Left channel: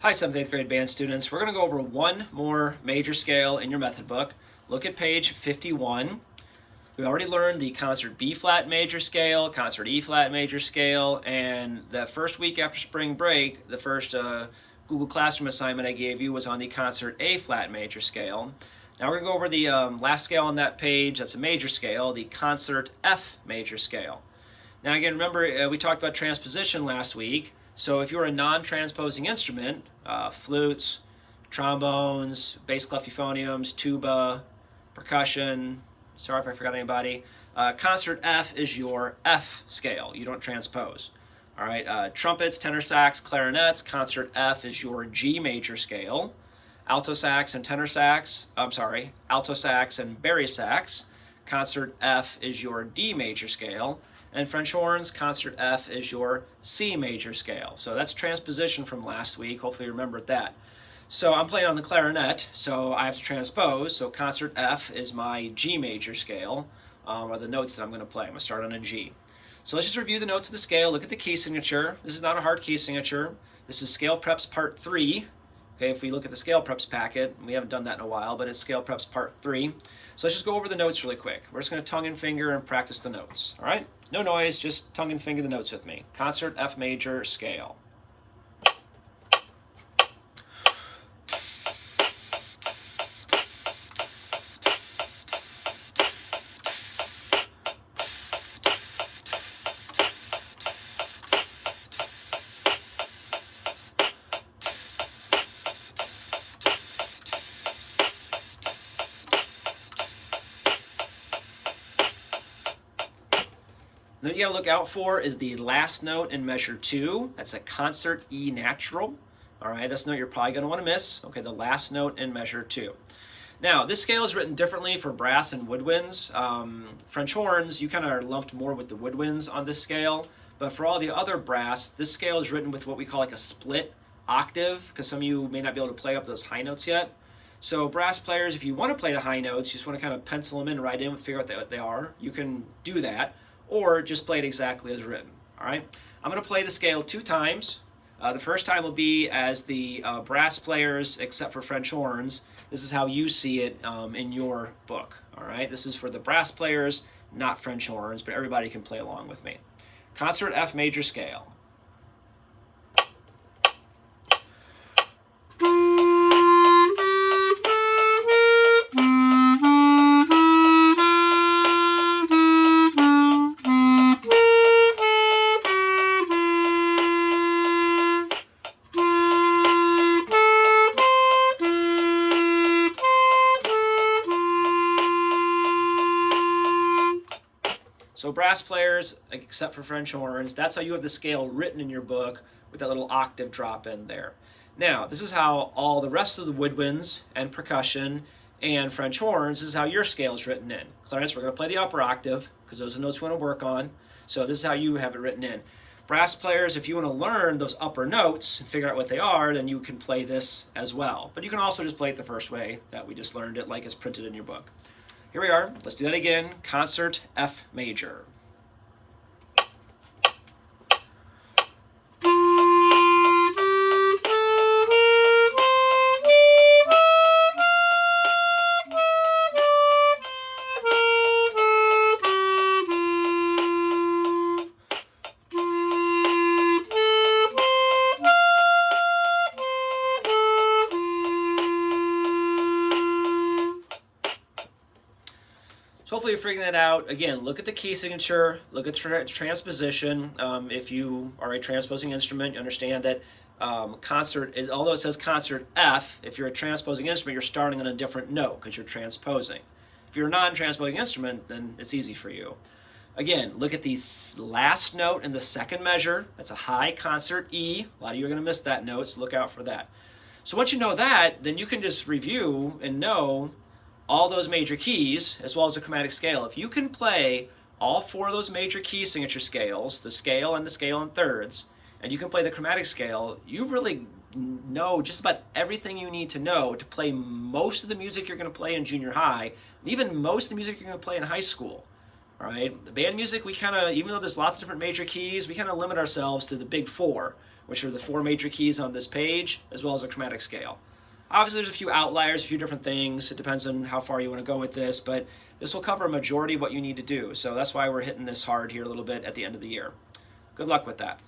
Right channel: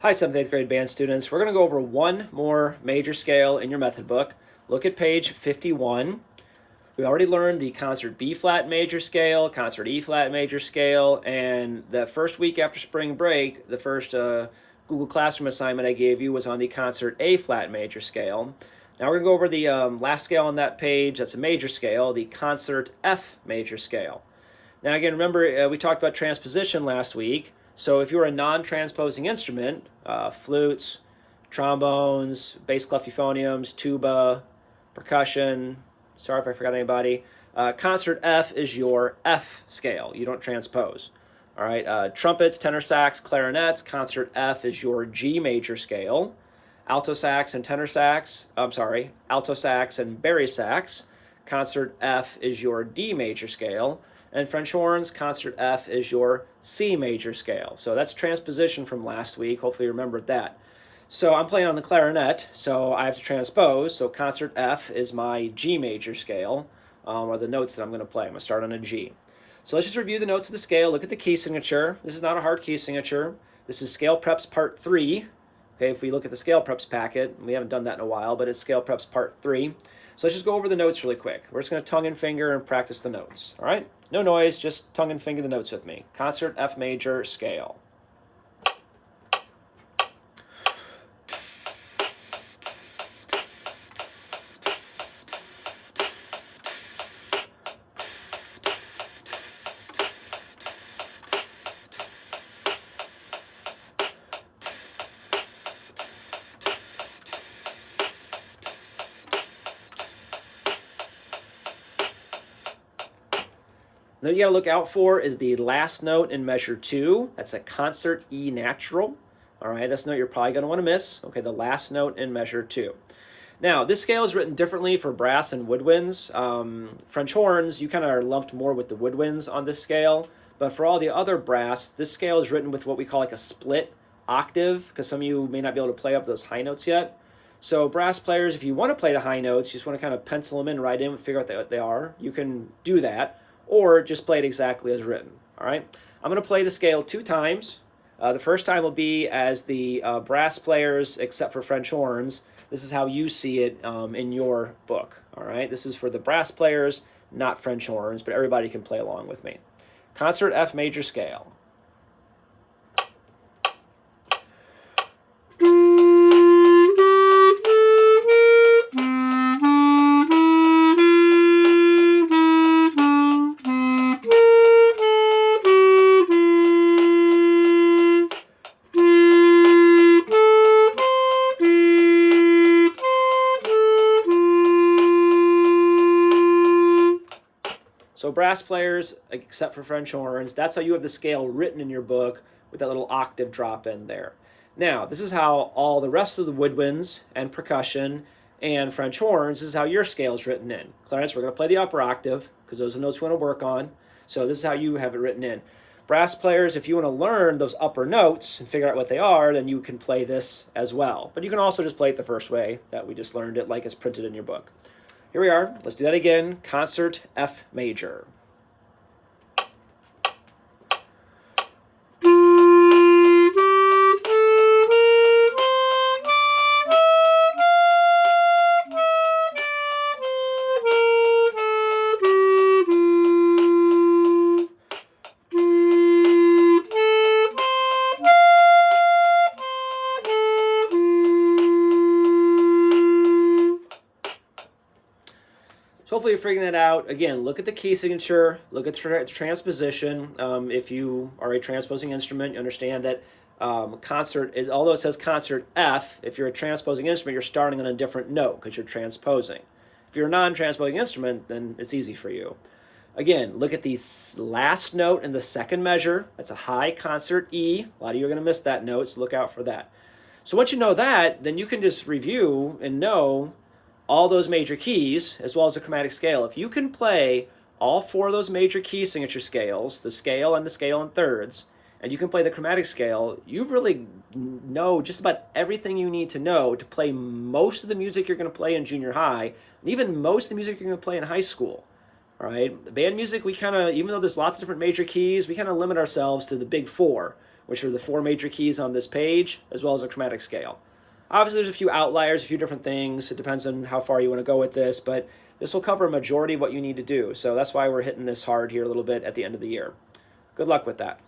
Hi, 7th, 8th grade band students. We're going to go over one more major scale in your method book. Look at page 51. We already learned the concert B flat major scale, concert E flat major scale, and the first week after spring break, the first Google Classroom assignment I gave you was on the concert A flat major scale. Now we're going to go over the last scale on that page, that's a major scale, the concert F major scale. Now again, remember we talked about transposition last week. So if you're a non-transposing instrument, flutes, trombones, bass clef euphoniums, tuba, percussion, sorry if I forgot anybody, concert F is your F scale. You don't transpose. All right, trumpets, tenor sax, clarinets, concert F is your G major scale. Alto sax and tenor sax, alto sax and bari sax, concert F is your D major scale. And French horns, concert F is your C major scale. So that's transposition from last week. Hopefully you remembered that. So I'm playing on the clarinet, so I have to transpose. So concert F is my G major scale, or the notes that I'm going to play. I'm going to start on a G. So let's just review the notes of the scale. Look at the key signature. This is not a hard key signature. This is Scale Preps Part 3. Okay, if we look at the Scale Preps packet, we haven't done that in a while, but it's Scale Preps Part 3. So let's just go over the notes really quick. We're just going to tongue and finger and practice the notes, all right? No noise, just tongue and finger the notes with me. Concert F major scale. What you gotta look out for is the last note in measure 2. That's a concert E natural. All right, this note you're probably gonna wanna miss. Okay, the last note in measure 2. Now, this scale is written differently for brass and woodwinds. French horns, you kind of are lumped more with the woodwinds on this scale, but for all the other brass, this scale is written with what we call like a split octave, because some of you may not be able to play up those high notes yet. So brass players, if you want to play the high notes, you just want to kind of pencil them in, write in, figure out what they are, you can do that, or just play it exactly as written. All right, I'm going to play the scale 2 times. The first time will be as the brass players, except for French horns. This is how you see it in your book. All right, this is for the brass players, not French horns, but everybody can play along with me. Concert F major scale. So brass players, except for French horns, that's how you have the scale written in your book with that little octave drop in there. Now, this is how all the rest of the woodwinds and percussion and French horns, this is how your scale is written in. Clarence, we're going to play the upper octave because those are the notes we want to work on. So this is how you have it written in. Brass players, if you want to learn those upper notes and figure out what they are, then you can play this as well. But you can also just play it the first way that we just learned it, like it's printed in your book. Here we are. Let's do that again. Concert F major. So hopefully you're figuring that out. Again, look at the key signature, look at the transposition. If you are a transposing instrument, you understand that concert is, although it says concert F, if you're a transposing instrument, you're starting on a different note because you're transposing. If you're a non-transposing instrument, then it's easy for you. Again, look at the last note in the second measure. That's a high concert E. A lot of you are going to miss that note, so look out for that. So once you know that, then you can just review and know all those major keys, as well as the chromatic scale. If you can play all 4 of those major key signature scales, the scale and the scale in thirds, and you can play the chromatic scale, you really know just about everything you need to know to play most of the music you're going to play in junior high, and even most of the music you're going to play in high school. All right, the band music, we kind of, even though there's lots of different major keys, we kind of limit ourselves to the big 4, which are the 4 major keys on this page, as well as a chromatic scale. Obviously, there's a few outliers, a few different things. It depends on how far you want to go with this, but this will cover a majority of what you need to do. So that's why we're hitting this hard here a little bit at the end of the year. Good luck with that.